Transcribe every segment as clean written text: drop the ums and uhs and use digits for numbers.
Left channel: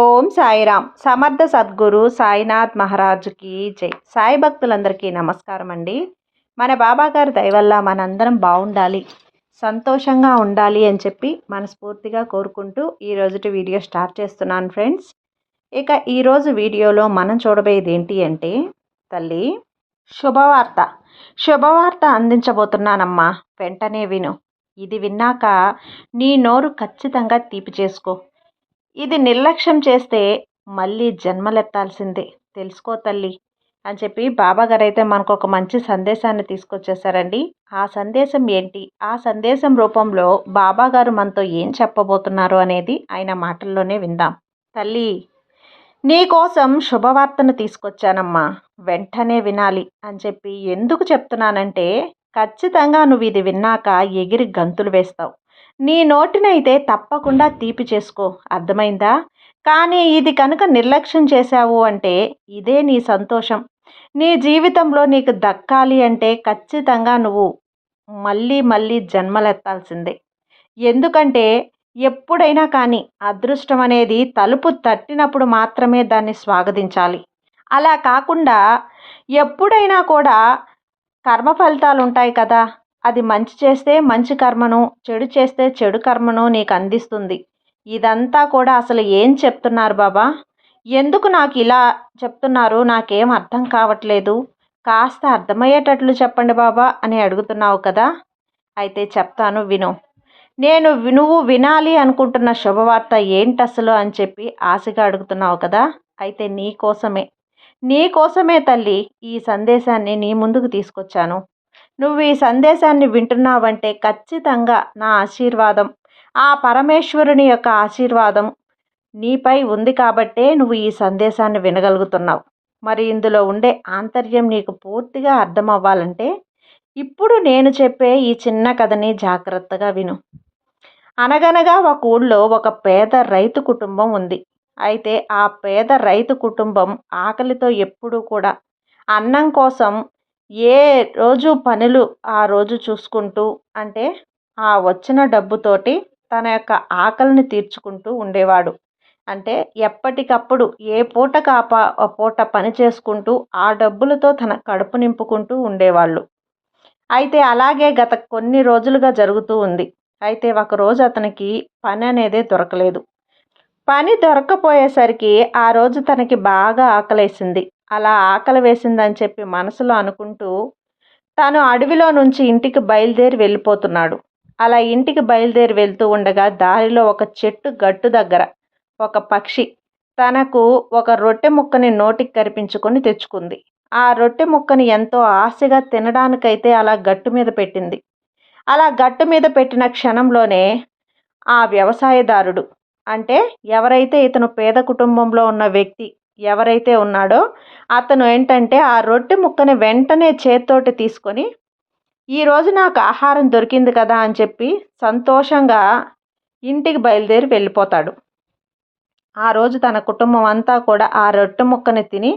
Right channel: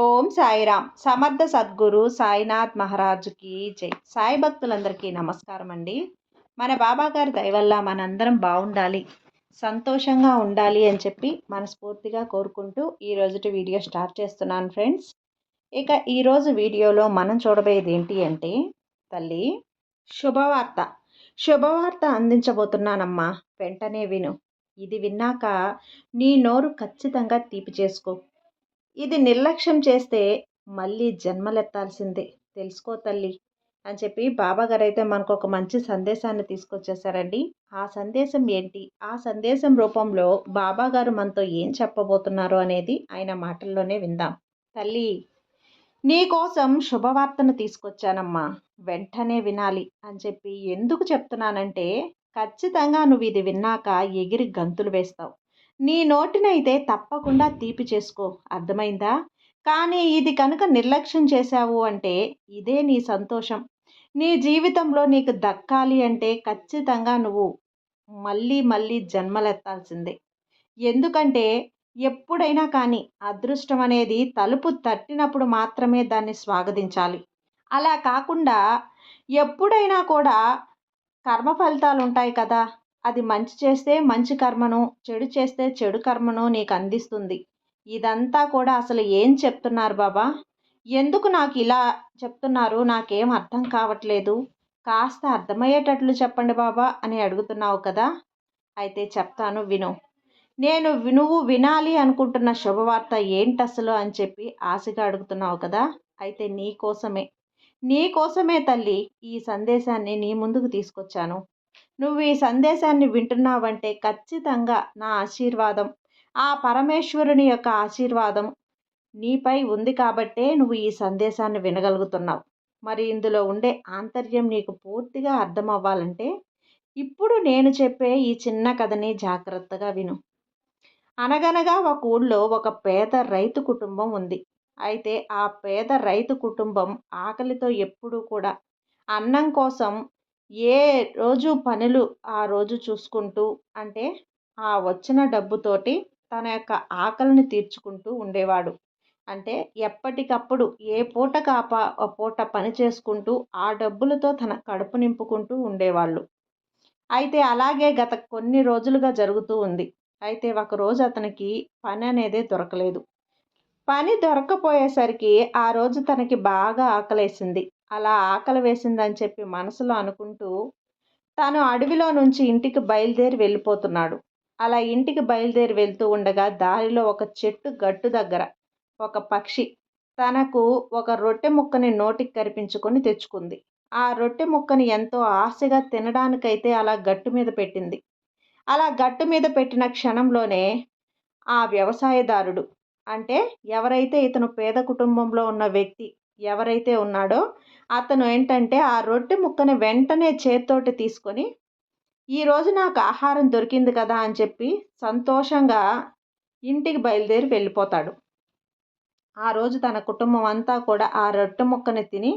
ఓం సాయిరామ్. సమర్థ సద్గురు సాయినాథ్ మహారాజుకి జై. సాయి భక్తులందరికీ నమస్కారం అండి. మన బాబాగారి దయ వల్ల మనందరం బాగుండాలి, సంతోషంగా ఉండాలి అని చెప్పి మనస్ఫూర్తిగా కోరుకుంటూ ఈరోజుటి వీడియో స్టార్ట్ చేస్తున్నాను ఫ్రెండ్స్. ఇక ఈరోజు వీడియోలో మనం చూడబోయేది ఏంటి అంటే, తల్లి శుభవార్త శుభవార్త అందించబోతున్నానమ్మా, వెంటనే విను. ఇది విన్నాక నీ నోరు ఖచ్చితంగా తీపి చేసుకో. ఇది నిర్లక్ష్యం చేస్తే మళ్ళీ జన్మలెత్తాల్సిందే, తెలుసుకో తల్లి అని చెప్పి బాబాగారు అయితే మనకు ఒక మంచి సందేశాన్ని తీసుకొచ్చేసారండి. ఆ సందేశం ఏంటి, ఆ సందేశం రూపంలో బాబాగారు మనతో ఏం చెప్పబోతున్నారు అనేది ఆయన మాటల్లోనే విందాం. తల్లి, నీకోసం శుభవార్తను తీసుకొచ్చానమ్మా, వెంటనే వినాలి అని చెప్పి ఎందుకు చెప్తున్నానంటే, ఖచ్చితంగా నువ్వు ఇది విన్నాక ఎగిరి గంతులు వేస్తావు. నీ నోటినైతే తప్పకుండా తీపి చేసుకో, అర్థమైందా? కానీ ఇది కనుక నిర్లక్ష్యం చేశావు అంటే ఇదే నీ సంతోషం. నీ జీవితంలో నీకు దక్కాలి అంటే ఖచ్చితంగా నువ్వు మళ్ళీ మళ్ళీ జన్మలెత్తాల్సిందే. ఎందుకంటే ఎప్పుడైనా కానీ అదృష్టం అనేది తలుపు తట్టినప్పుడు మాత్రమే దాన్ని స్వాగతించాలి. అలా కాకుండా ఎప్పుడైనా కూడా కర్మ ఫలితాలు ఉంటాయి కదా, అది మంచి చేస్తే మంచి కర్మను, చెడు చేస్తే చెడు కర్మను నీకు అందిస్తుంది. ఇదంతా కూడా అసలు ఏం చెప్తున్నారు బాబా? ఎందుకు నాకు ఇలా చెప్తున్నారు, నాకేం అర్థం కావట్లేదు, కాస్త అర్థమయ్యేటట్లు చెప్పండి బాబా అని అడుగుతున్నావు కదా. అయితే చెప్తాను విను. నువ్వు వినాలి అనుకుంటున్న శుభవార్త ఏంటి అసలు అని చెప్పి ఆశగా అడుగుతున్నావు కదా. అయితే నీకోసమే తల్లి ఈ సందేశాన్ని నీ ముందుకు తీసుకొచ్చాను. నువ్వు ఈ సందేశాన్ని వింటున్నావంటే ఖచ్చితంగా నా ఆశీర్వాదం, ఆ పరమేశ్వరుని యొక్క ఆశీర్వాదం నీపై ఉంది కాబట్టే నువ్వు ఈ సందేశాన్ని వినగలుగుతున్నావు. మరి ఇందులో ఉండే ఆంతర్యం నీకు పూర్తిగా అర్థం అవ్వాలంటే ఇప్పుడు నేను చెప్పే ఈ చిన్న కథని జాగ్రత్తగా విను. అనగనగా ఒక ఊళ్ళో ఒక పేద రైతు కుటుంబం ఉంది. అయితే ఆ పేద రైతు కుటుంబం ఆకలితో ఎప్పుడూ కూడా అన్నం కోసం ఏ రోజు పనులు ఆ రోజు చూసుకుంటూ, అంటే ఆ వచ్చిన డబ్బుతోటి తన యొక్క ఆకలిని తీర్చుకుంటూ ఉండేవాడు. అంటే ఎప్పటికప్పుడు ఏ పూటకు ఆ పూట పని చేసుకుంటూ ఆ డబ్బులతో తన కడుపు నింపుకుంటూ ఉండేవాళ్ళు. అయితే అలాగే గత కొన్ని రోజులుగా జరుగుతూ ఉంది. అయితే ఒకరోజు అతనికి పని అనేది దొరకలేదు. పని దొరక్కపోయేసరికి ఆ రోజు తనకి బాగా ఆకలేసింది. అలా ఆకలి వేసిందని చెప్పి మనసులో అనుకుంటూ తాను అడవిలో నుంచి ఇంటికి బయలుదేరి వెళ్ళిపోతున్నాడు. అలా ఇంటికి బయలుదేరి వెళ్తూ ఉండగా దారిలో ఒక చెట్టు గట్టు దగ్గర ఒక పక్షి తనకు ఒక రొట్టె ముక్కని నోటికి కరిపించుకొని తెచ్చుకుంది. ఆ రొట్టె ముక్కని ఎంతో ఆశగా తినడానికైతే అలా గట్టు మీద పెట్టింది. అలా గట్టు మీద పెట్టిన క్షణంలోనే ఆ వ్యవసాయదారుడు, అంటే ఎవరైతే ఇతను పేద కుటుంబంలో ఉన్న వ్యక్తి ఎవరైతే ఉన్నాడో అతను ఏంటంటే ఆ రొట్టె ముక్కని వెంటనే చేత్తోటి తీసుకొని, ఈరోజు నాకు ఆహారం దొరికింది కదా అని చెప్పి సంతోషంగా ఇంటికి బయలుదేరి వెళ్ళిపోతాడు. ఆ రోజు తన కుటుంబం అంతా కూడా ఆ రొట్టె ముక్కని తిని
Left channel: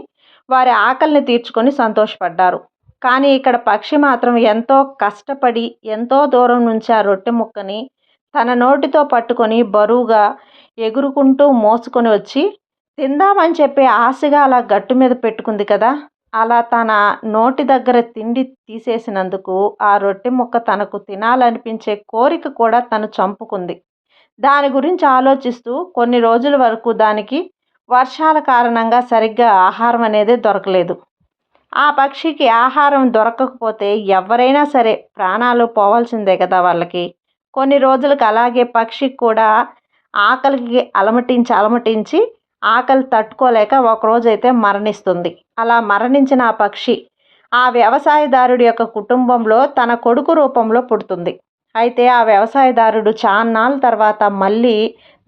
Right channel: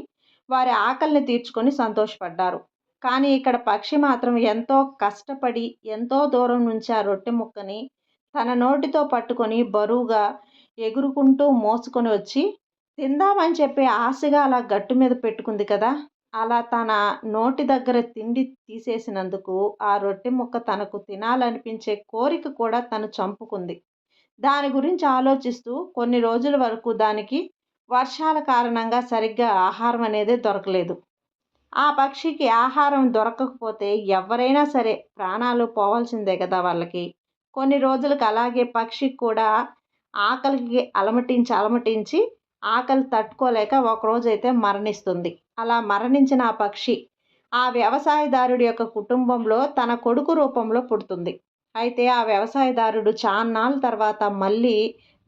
వారి ఆకలిని తీర్చుకొని సంతోషపడ్డారు. కానీ ఇక్కడ పక్షి మాత్రం ఎంతో కష్టపడి ఎంతో దూరం నుంచి ఆ రొట్టె ముక్కని తన నోటితో పట్టుకొని బరువుగా ఎగురుకుంటూ మోసుకొని వచ్చి తిందామని చెప్పి ఆశగా అలా గట్టు మీద పెట్టుకుంది కదా. అలా తన నోటి దగ్గర తిండి తీసేసినందుకు ఆ రొట్టె ముక్క తనకు తినాలనిపించే కోరిక కూడా తను చంపుకుంది. దాని గురించి ఆలోచిస్తూ కొన్ని రోజుల వరకు దానికి వర్షాల కారణంగా సరిగ్గా ఆహారం అనేది దొరకలేదు. ఆ పక్షికి ఆహారం దొరకకపోతే ఎవరైనా సరే ప్రాణాలు పోవాల్సిందే కదా వాళ్ళకి. కొన్ని రోజులకు అలాగే పక్షికి కూడా ఆకలికి అలమటించి ఆకలి తట్టుకోలేక ఒకరోజైతే మరణిస్తుంది. అలా మరణించిన ఆ పక్షి ఆ వ్యవసాయదారుడి యొక్క కుటుంబంలో తన కొడుకు రూపంలో పుడుతుంది. అయితే ఆ వ్యవసాయదారుడు చాన్నాళ్ళ తర్వాత మళ్ళీ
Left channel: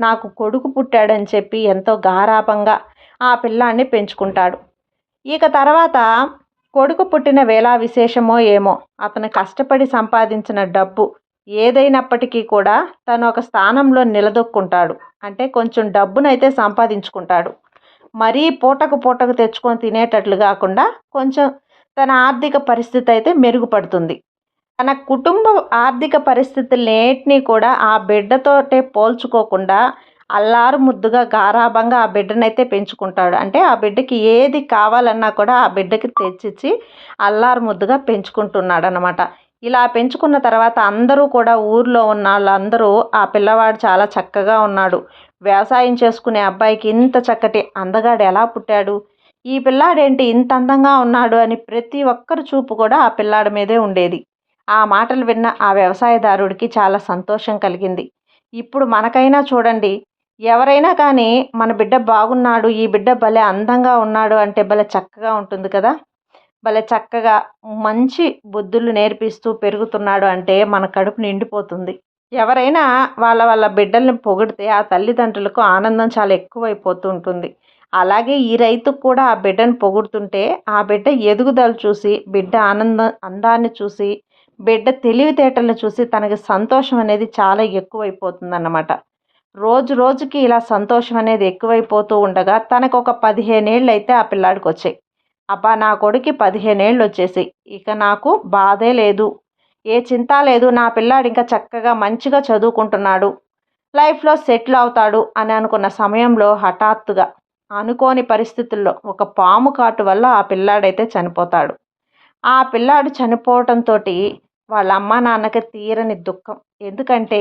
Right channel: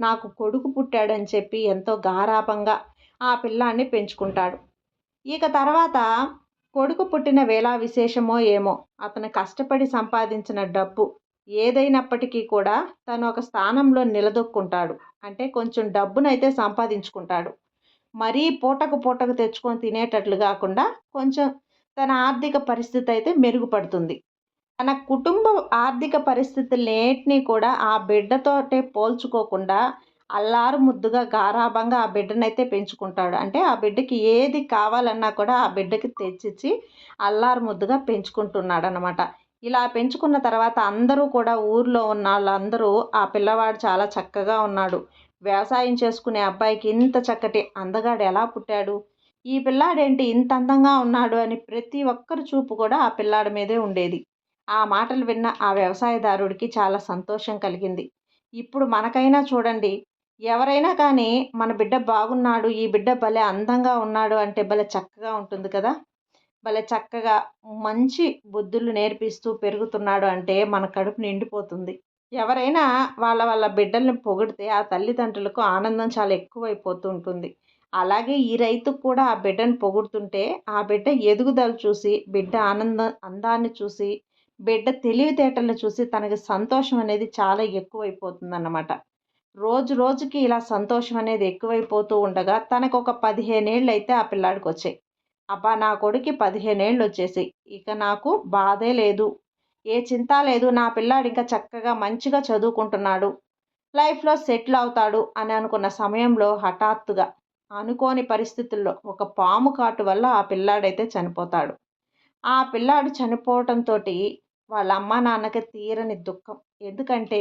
నాకు కొడుకు పుట్టాడని చెప్పి ఎంతో గారాబంగా ఆ పిల్లాన్ని పెంచుకుంటాడు. ఇక తర్వాత కొడుకు పుట్టిన వేళ విశేషమో ఏమో, అతను కష్టపడి సంపాదించిన డబ్బు ఏదైనప్పటికీ కూడా తను ఒక స్థానంలో నిలదొక్కుంటాడు. అంటే కొంచెం డబ్బునైతే సంపాదించుకుంటాడు. మరీ పూటకు తెచ్చుకొని తినేటట్లు కాకుండా కొంచెం తన ఆర్థిక పరిస్థితి అయితే మెరుగుపడుతుంది. తన కుటుంబ ఆర్థిక పరిస్థితులన్నిటినీ కూడా ఆ బిడ్డతోటే పోల్చుకోకుండా అల్లారు ముద్దుగా గారాబంగా ఆ బిడ్డనైతే పెంచుకుంటాడు. అంటే ఆ బిడ్డకి ఏది కావాలన్నా కూడా ఆ బిడ్డకి తెచ్చిచ్చి అల్లారు ముద్దుగా పెంచుకుంటున్నాడనమాట. ఇలా పెంచుకున్న తర్వాత అందరూ కూడా ఊర్లో ఉన్నోళ్ళందరూ ఆ పిల్లవాడు చాలా చక్కగా ఉన్నాడు. వ్యవసాయం చేసుకునే అబ్బాయికి ఇంత చక్కటి అందగాడు ఎలా పుట్టాడు? ఈ పిల్లాడేంటి ఇంత అందంగా ఉన్నాడు అని ప్రతి ఒక్కరి చూపు కూడా ఆ పిల్లాడి మీదే ఉండేది. ఆ మాటలు విన్న ఆ వ్యవసాయదారుడికి చాలా సంతోషం కలిగింది. ఇప్పుడు మనకైనా చూడండి, ఎవరైనా కానీ మన బిడ్డ బాగున్నాడు, ఈ బిడ్డ భలే అందంగా ఉన్నాడు అంటే భలే చక్కగా ఉంటుంది కదా! భలే చక్కగా మంచి బుద్ధులు నేర్పిస్తూ పెరుగుతున్నాడు అంటే మన కడుపు నిండిపోతుంది. ఎవరైనా వాళ్ళ బిడ్డల్ని పొగిడితే ఆ తల్లిదండ్రులకు ఆనందం చాలా ఎక్కువైపోతూ ఉంటుంది. అలాగే ఈ రైతుకు కూడా ఆ బిడ్డను పొగుడుతుంటే ఆ బిడ్డ ఎదుగుదల చూసి, బిడ్డ అందాన్ని చూసి, బిడ్డ తెలివితేటలను చూసి తనకి సంతోషం అనేది చాలా ఎక్కువైపోతుందన్నమాట. రోజు రోజుకి ఇలా సంతోషం అనేది ఎక్కువైపోతూ ఉండగా తనకొక 15 ఏళ్ళైతే ఆ పిల్లాడికొచ్చాయి. అబ్బా! నా కొడుక్కి 15 ఏళ్ళొచ్చేసాయి. ఇక నాకు బాధే లేదు. ఏ చింతా లేదు. నా పిల్లాడు ఇంకా చక్కగా మంచిగా చదువుకుంటున్నాడు. లైఫ్‌లో సెటిల్ అవుతాడు అని అనుకున్న సమయంలో హఠాత్తుగా అనుకోని పరిస్థితుల్లో ఒక పాము కాటు వల్ల ఆ పిల్లాడైతే చనిపోతాడు. ఆ పిల్లాడు చనిపోవటంతోటి వాళ్ళ అమ్మా, నాన్నకి తీరని దుఃఖం. ఎందుకంటే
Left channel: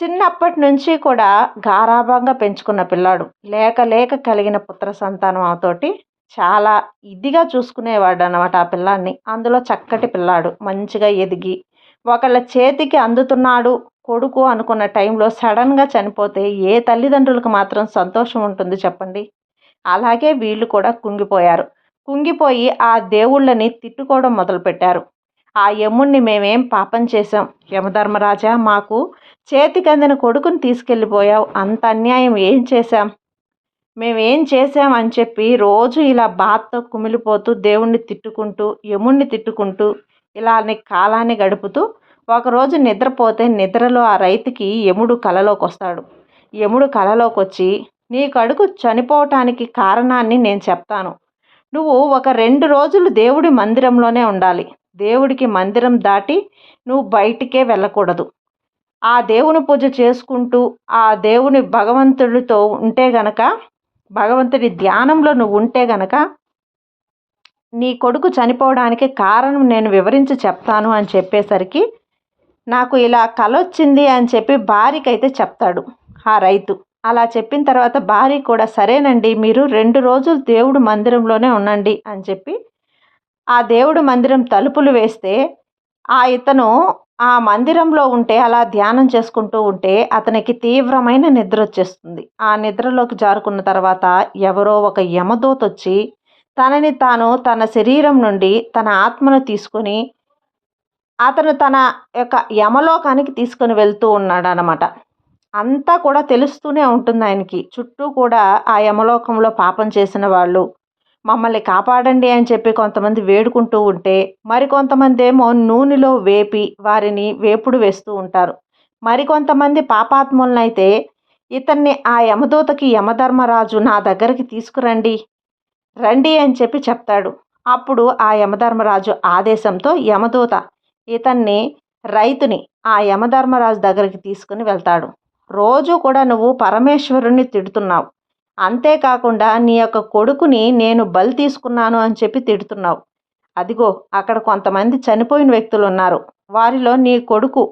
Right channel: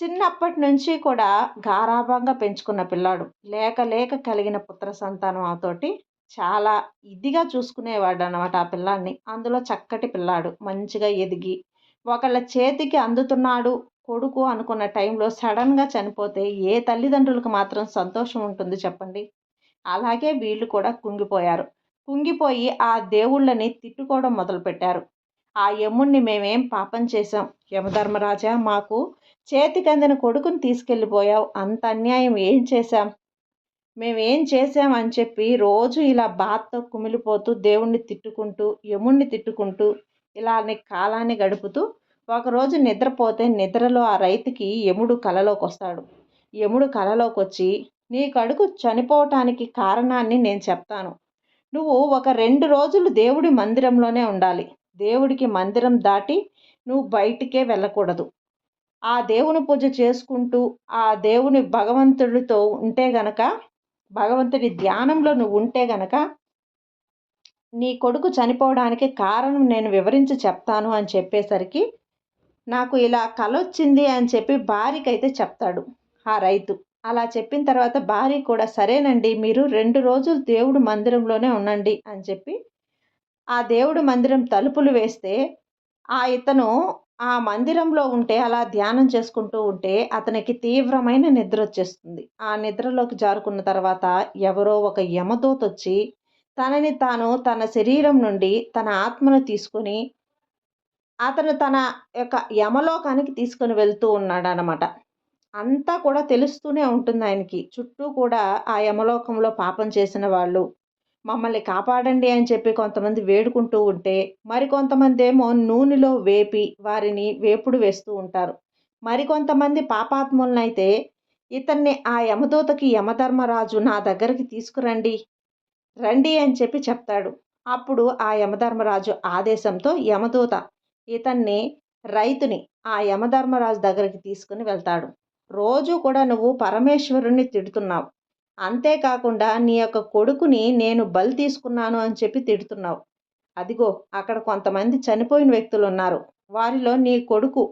చిన్నప్పటి నుంచి కూడా గారాబంగా పెంచుకున్న పిల్లాడు. లేక లేక కలిగిన పుత్ర సంతానం తోటి చాలా ఇదిగా చూసుకునేవాడనమాట ఆ పిల్లాడిని. అందులో చక్కటి పిల్లాడు. మంచిగా ఎదిగి ఒకళ్ళ చేతికి అందుతున్నాడు కొడుకు అనుకున్న టైంలో సడన్‌గా చనిపోతే ఏ తల్లిదండ్రులకు మాత్రం సంతోషం ఉంటుంది చెప్పండి? అలాగే వీళ్ళు కూడా కుంగిపోయారు. కుంగిపోయి ఆ దేవుళ్ళని తిట్టుకోవడం మొదలుపెట్టారు. ఆ యముడిని మేమేం పాపం చేశాం? యమధర్మరాజా మాకు చేతికందిన కొడుకుని తీసుకెళ్ళిపోయావు. అంత అన్యాయం ఏం చేశాం? మేమేం చేశాం అని చెప్పి రోజు ఇలా బాధతో కుమిలిపోతూ దేవుణ్ణి తిట్టుకుంటూ, యముడిని తిట్టుకుంటూ ఇలానే కాలాన్ని గడుపుతూ ఒకరోజు నిద్రపోతే నిద్రలో ఆ రైతుకి యముడు కలలోకొస్తాడు. యముడు కలలోకొచ్చి నీ కొడుకు చనిపోవటానికి కారణాన్ని నేను చెప్తాను. నువ్వు ఒక 2 రోజులు దేవుడి మందిరంలోనే ఉండాలి. దేవుడికి మందిరం దాటి నువ్వు బయటికే వెళ్ళకూడదు. ఆ దేవుని పూజ చేసుకుంటూ, ఆ దేవుని భగవంతుడితో ఉంటే గనక, భగవంతుడి ధ్యానంలో నువ్వు ఉంటే గనక, నీ కొడుకు చనిపోవడానికి కారణం నేను వివరించి చెప్తాను అని చెప్పేసరికి, నాకు ఇలా కలొచ్చింది అని చెప్పి భార్యకైతే చెప్తాడు ఆ రైతు. అలా చెప్పిన తర్వాత భార్య కూడా సరేనండి మీరు 2 రోజులు దేవుడు మందిరంలోనే ఉండండి అని చెప్పి, ఆ దేవుడు మందిరం తలుపులు వేస్తే ఇతను ఆ మందిరంలో ఉంటే అలా ధ్యానం చేసుకుంటూ ఉంటే అతనికి తీవ్రమైన నిద్రొచ్చేస్తుంది. ఆ నిద్రలోకి జారుకున్న తర్వాత ఎవరో ఒక యమదూతొచ్చి తనని తాను తన శరీరం నుండి తన ఆత్మను తీసుకొని అతను తన యొక్క యమలోకానికి తీసుకొని వెళ్తూ ఉన్నాడనమాట. అంతా కూడా తెలుస్తూనే ఉంటుంది ఆయనకి. చుట్టూ కూడా ఆ యమలోకంలో పాపం చేసిన వాళ్ళు మమ్మల్ని కాపాడండి అని చెప్పి కొంతమంది వేడుకుంటూ ఉంటే, మరికొంతమందేమో నూనెలో వేపి వారిని వేపుడు వేస్తూ ఉంటారు. మరికొంతమంది పాపాత్ములనైతే ఇతన్ని ఆ యమదూతకి యమధర్మరాజు నా దగ్గరికి తీసుకురండి, రండి అని చెప్పి చెప్తాడు. అప్పుడు ఆ యమధర్మరాజు ఆదేశంతో యమదూత ఇతన్ని రైతుని ఆ యమధర్మరాజు దగ్గరికి తీసుకుని వెళ్తాడు. రోజు కూడా నువ్వు పరమేశ్వరుణ్ణి తిడుతున్నావు. అంతేకాకుండా నీ యొక్క కొడుకుని నేను బలి తీసుకున్నాను అని చెప్పి తిడుతున్నావు. అదిగో అక్కడ కొంతమంది చనిపోయిన వ్యక్తులు ఉన్నారు. వారిలో నీ కొడుకు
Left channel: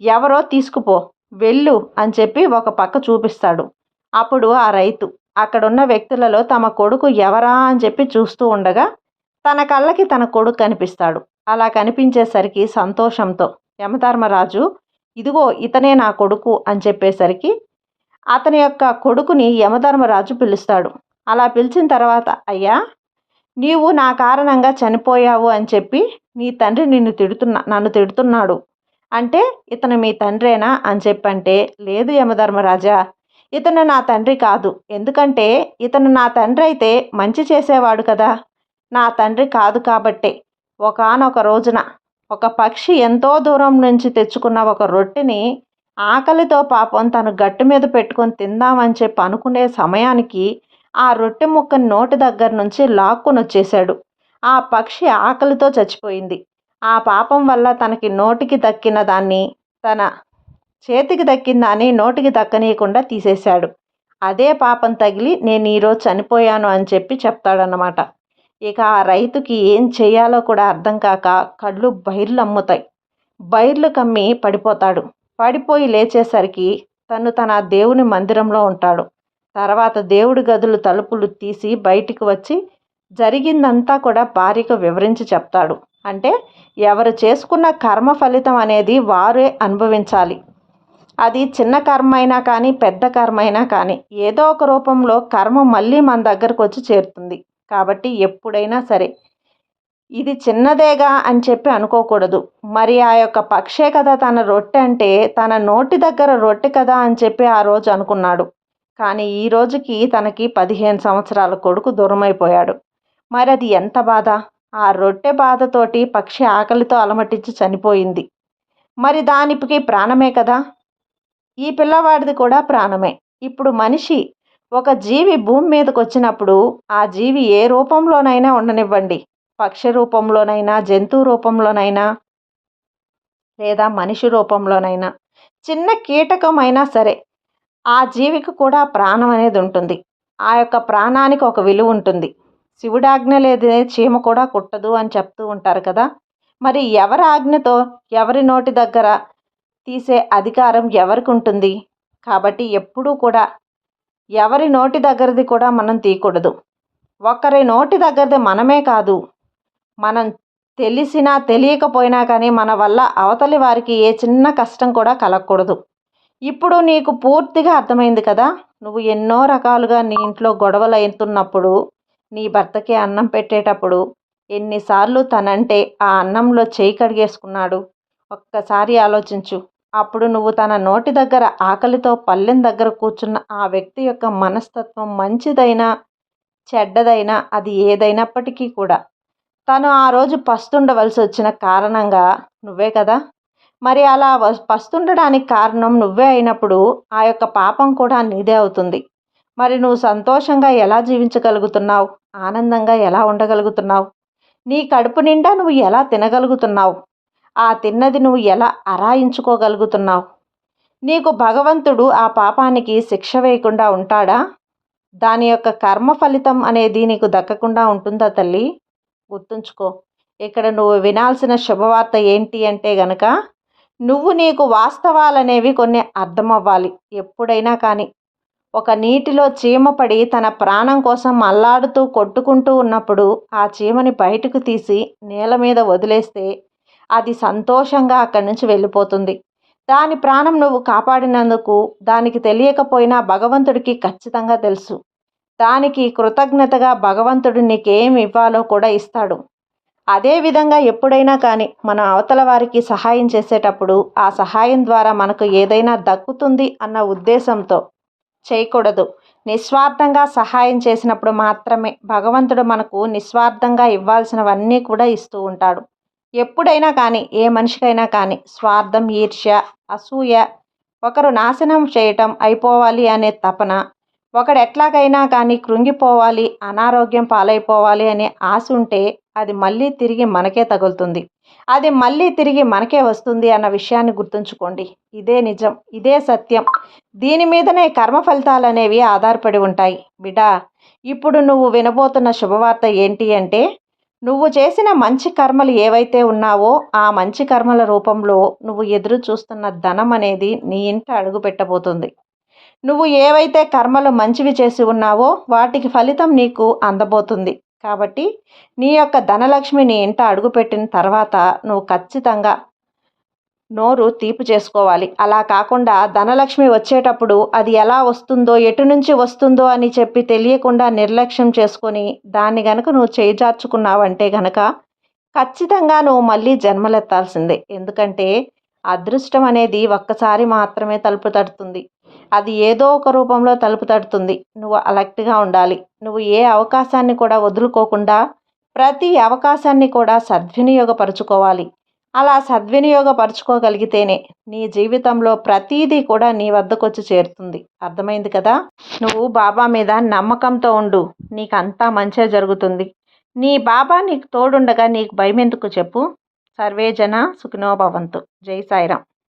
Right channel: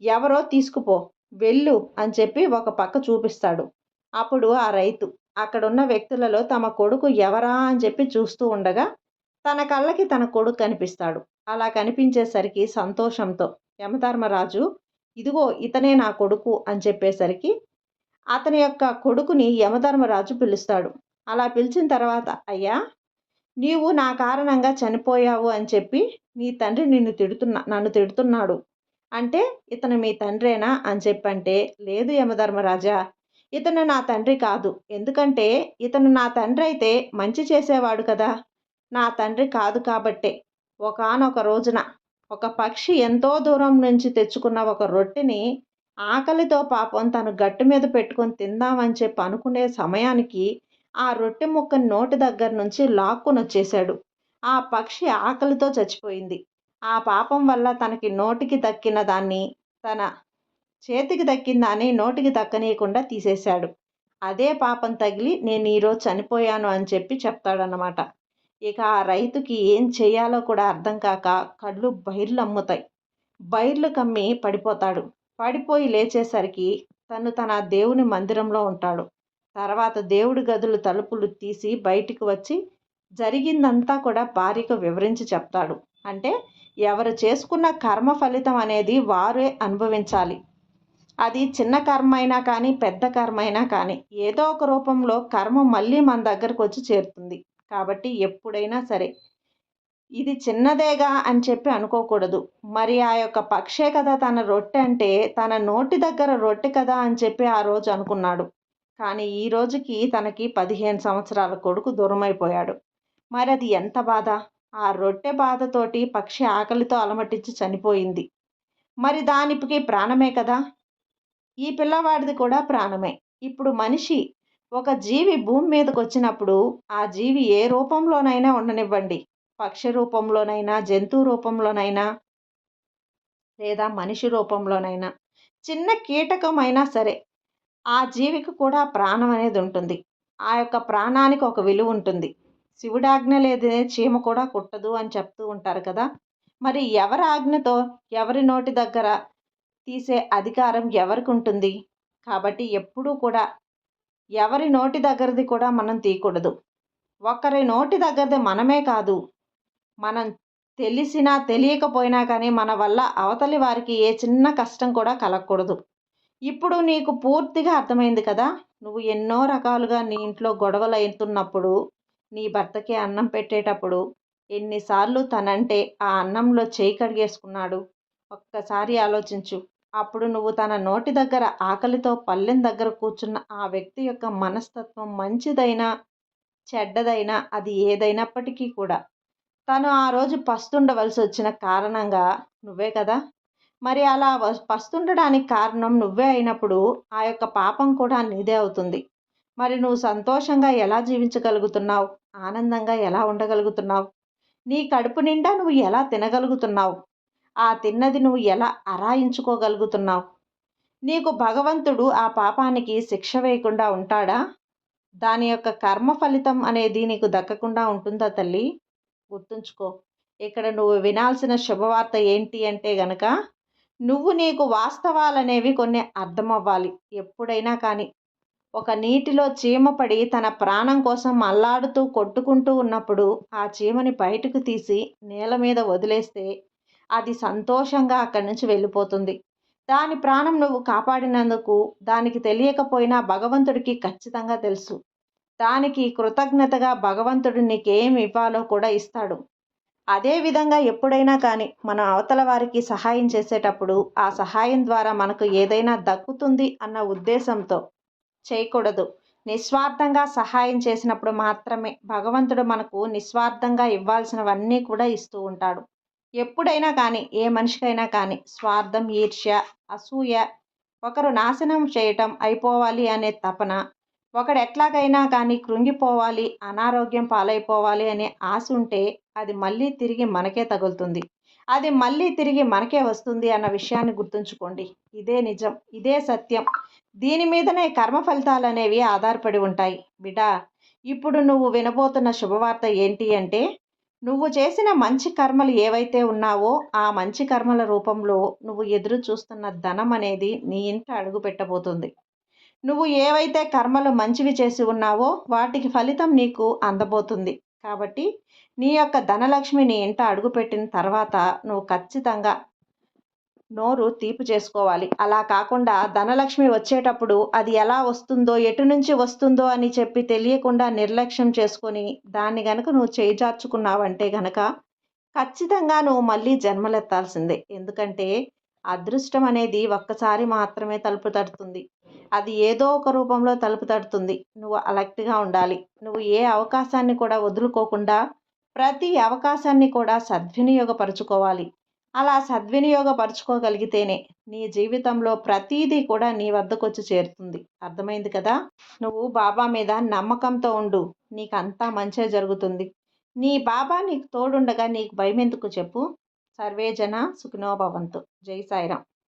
ఎవరో తీసుకుపో, వెళ్ళు అని చెప్పి ఒక పక్క చూపిస్తాడు. అప్పుడు ఆ రైతు అక్కడున్న వ్యక్తులలో తమ కొడుకు ఎవరా అని చెప్పి చూస్తూ ఉండగా తన కళ్ళకి తన కొడుకు కనిపిస్తాడు. అలా కనిపించేసరికి సంతోషంతో యమధర్మరాజు ఇదిగో ఇతనే నా కొడుకు అని చెప్పేసరికి అతని యొక్క కొడుకుని యమధర్మరాజు పిలుస్తాడు. అలా పిలిచిన తర్వాత అయ్యా నీవు నా కారణంగా చనిపోయావు అని చెప్పి నీ తండ్రి నన్ను తిడుతున్నాడు. అంటే ఇతను మీ తండ్రేనా అని చెప్పంటే లేదు యమధర్మరాజా, ఇతను నా తండ్రి కాదు. ఎందుకంటే ఇతను నా తండ్రి అయితే మంచి చేసేవాడు కదా. నా తండ్రి కాదు కాబట్టే ఒకానొక రోజున ఒక పక్షి ఎంతో దూరం నుంచి తెచ్చుకున్న ఒక రొట్టెని ఆకలితో పాపం తను గట్టు మీద పెట్టుకొని తిందామని చెప్పి అనుకునే సమయానికి ఆ రొట్టె ముక్కని నోటి దగ్గర నుంచి లాక్కొని వచ్చేశాడు. ఆ పక్షి ఆకలితో చచ్చిపోయింది. ఆ పాపం వల్ల తనకి నోటికి దక్కిన దాన్ని తన చేతికి దక్కిందాన్ని నోటికి దక్కనీయకుండా తీసేశాడు. అదే పాపం తగిలి నేను ఈరోజు చనిపోయాను అని చెప్పి చెప్తాడన్నమాట. ఇక ఆ రైతుకి ఏం చేయాలో కూడా అర్థం కాక కళ్ళు బైర్లమ్ముతాయి. బైర్లు కమ్మి పడిపోతాడు. పడిపోయి లేచేసరికి తన దేవుని మందిరంలో ఉంటాడు. తర్వాత దేవుడి గదులు తలుపులు తీసి బయటికి వచ్చి జరిగిందంతా కూడా భార్యకు వివరించి చెప్తాడు. అంటే ఎవరు చేసుకున్న కర్మ ఫలితం అనేది వారే అనుభవించాలి. అది చిన్న కర్మ అయినా కానీ పెద్ద కర్మ అయినా కానీ ఏదో ఒక రూపంలో కర్మ మళ్ళీ మన దగ్గరకు వచ్చి చేరుతుంది. కాబట్టి ఎప్పుడైనా సరే ఇది చిన్నదేగా అని చెప్పి అనుకోకూడదు. మరి ఆ యొక్క పక్షే కదా తన రొట్టె అంటే తన నోటి దగ్గర రొట్టె కదా అని చెప్పి ఆ రోజు అనుకున్నాడు. కానీ ఈ రోజుకి తనకి 15 సంవత్సరాల కొడుకు దూరమైపోయాడు. మరి అది ఎంత బాధ! ఆ రొట్టె బాధతోటి పక్షి ఆకలితో అలమటించి చనిపోయింది. మరి దానికి ప్రాణమే కదా! ఈ పిల్లవాడిది కూడా ప్రాణమే. ఇప్పుడు మనిషి ఒక జీవి భూమి మీదకి వచ్చినప్పుడు ఆ జీవి ఏ రూపంలోనైనా ఉండనివ్వండి, పక్షి రూపంలోనైనా, జంతువు రూపంలోనైనా, లేదా మనిషి రూపంలోనైనా, చిన్న కీటకమైనా సరే ఆ జీవికి కూడా ప్రాణం అనేది ఉంటుంది. ఆ యొక్క ప్రాణానికి ఒక విలువ ఉంటుంది. శివుడి ఆజ్ఞ లేదే చీమ కూడా కుట్టదు అని చెప్తూ ఉంటారు కదా! మరి ఎవరి ఆజ్ఞతో ఎవరి నోటి దగ్గర తీసే అధికారం ఎవరికి ఉంటుంది? కాబట్టి ఎప్పుడూ కూడా ఎవరి నోటి దగ్గరది కూడా మనం తీయకూడదు. ఒకరి నోటి దగ్గరది మనమే కాదు, మనం తెలిసినా తెలియకపోయినా కానీ మన వల్ల అవతలి వారికి ఏ చిన్న కష్టం కూడా కలగకూడదు. ఇప్పుడు నీకు పూర్తిగా అర్థమైంది కదా! నువ్వు ఎన్నో రకాలుగా నీ ఇంట్లో గొడవలు అవుతున్నప్పుడు, నీ భర్తకి అన్నం పెట్టేటప్పుడు ఎన్నిసార్లు తనంటే ఆ అన్నంలో చేయి కడిగేసుకున్నాడు. ఒక్కసారి ఆలోచించు. అప్పుడు నువ్వు తన నోటి దగ్గర ఆకలితో పళ్ళెం దగ్గర కూర్చున్న ఆ వ్యక్తి యొక్క మనస్తత్వం మంచిదైనా చెడ్డదైనా అది ఏదైనప్పటికీ కూడా తను ఆ రోజు పస్తుండవలసి వచ్చిన కారణంగా నువ్వే కదా! మరి అలా పస్తుండడానికి కారణం నువ్వే అయినప్పుడు ఆ యొక్క పాపం కూడా నీదే అవుతుంది. మరి నువ్వు సంతోషంగా ఎలా జీవించగలుగుతున్నావు? ఆనందంగా ఎలా ఉండగలుగుతున్నావు? నీ కడుపు నిండా నువ్వు ఎలా తినగలుగుతున్నావు? ఆ తిన్నది నువ్వు ఎలా అరాయించుకోగలుగుతున్నావు? నీకు భగవంతుడు ఆ పాపానికి శిక్ష వేయకుండా ఉంటాడా? దాని యొక్క కర్మ ఫలితం అనేది నీకు దక్కకుండా ఉంటుందా తల్లి? గుర్తుంచుకో. ఇక్కడ నువ్వు వినాల్సిన శుభవార్త ఏంటి అంటే గనక నువ్వు నీకు వాస్తవాలనేవి కొన్ని అర్థమవ్వాలి. ఎప్పుడైనా కానీ ఒక నీటిలో చీమ పడి తన ప్రాణం కోసం అల్లాడుతూ కొట్టుకుంటూ ఉన్నప్పుడు ఆ చీమని బయటకు తీసి నేల మీద వదిలేస్తే అది సంతోషంగా అక్కడి నుంచి వెళ్ళిపోతుంది. దాని ప్రాణం నువ్వు కాపాడినందుకు దానికి తెలియకపోయినా భగవంతుడికి ఖచ్చితంగా తెలుసు. దానికి కృతజ్ఞతగా భగవంతుడు నీకేం ఇవ్వాలో కూడా ఇస్తాడు. అదేవిధంగా ఎప్పుడైనా కానీ మనం అవతల వారికి సహాయం చేసేటప్పుడు ఆ సహాయం ద్వారా మనకు ఏదైనా దక్కుతుంది అన్న ఉద్దేశంతో చేయకూడదు. నిస్వార్థంగా సహాయం చేసినప్పుడు మాత్రమే భగవంతుడు మనకు నిస్వార్థంగా ఇవ్వాల్సినవన్నీ కూడా ఇస్తూ ఉంటాడు. ఎప్పుడైనా కానీ ఏ మనిషికైనా కానీ స్వార్థం, ఈర్ష్య, అసూయ, ఒకరు నాశనం చేయటం, అయిపోవాలి అనే తపన, ఒకడు ఎట్లాగైనా కానీ కృంగిపోవాలి, అనారోగ్యం పాలైపోవాలి అనే ఆశ ఉంటే అది మళ్ళీ తిరిగి మనకే తగులుతుంది. అది మళ్ళీ తిరిగి మనకే వస్తుంది అన్న విషయాన్ని గుర్తుంచుకోండి. ఇదే నిజం, ఇదే సత్యం. దీని మీదనే కర్మ ఫలితాలు అనేవి ఆధారపడి ఉంటాయి. బిడ్డా, ఇప్పుడు నువ్వు వినబోతున్న శుభవార్త ఏంటి అంటే నువ్వు చేసిన మంచి కర్మలు ఏవైతే ఉన్నావో ఆ మంచి కర్మల రూపంలో నువ్వు ఎదురు చూస్తున్న ధనం అనేది నీ ఇంట అడుగు పెట్టబోతుంది. నువ్వు ఏవైతే కర్మలు మంచివి చేసి ఉన్నావో వాటికి ఫలితం నీకు అందబోతుంది. కాబట్టి నీ యొక్క ధనలక్ష్మి నీ ఇంట అడుగుపెట్టిన తర్వాత నువ్వు ఖచ్చితంగా నోరు తీపి చేసుకోవాలి. అలా కాకుండా ధనలక్ష్మి వచ్చేటప్పుడు అది ఎలా వస్తుందో, ఎటు నుంచి వస్తుందో అని చెప్పి తెలియకుండా నిర్లక్ష్యం చేసుకొని దాన్ని గనుక నువ్వు చేజార్చుకున్నావంటే గనక ఖచ్చితంగా నువ్వు మళ్ళీ జన్మలెత్తాల్సిందే. ఎందుకంటే అదృష్టం అనేది ఒక్కసారి మాత్రమే తలుపు తడుతుంది. అది ఏదో ఒక రూపంలో తలుపు తడుతుంది. నువ్వు అలర్ట్‌గా ఉండాలి. నువ్వు ఏ అవకాశాన్ని కూడా వదులుకోకుండా ప్రతి అవకాశాన్ని కూడా సద్వినియోగపరుచుకోవాలి. అలా సద్వినియోగపరుచుకోగలిగితేనే నీ జీవితంలో ప్రతీదీ కూడా నీ వద్దకొచ్చి చేరుతుంది. అర్థమైంది కదా! నువ్వు బాబా మీద నమ్మకంతో ఉండు. నీకంతా మంచే జరుగుతుంది. నీ బాబా నీకు తోడుండగా నీకు భయమెందుకు చెప్పు? సర్వే జన సుఖినో భవంతు. జై సాయిరాం.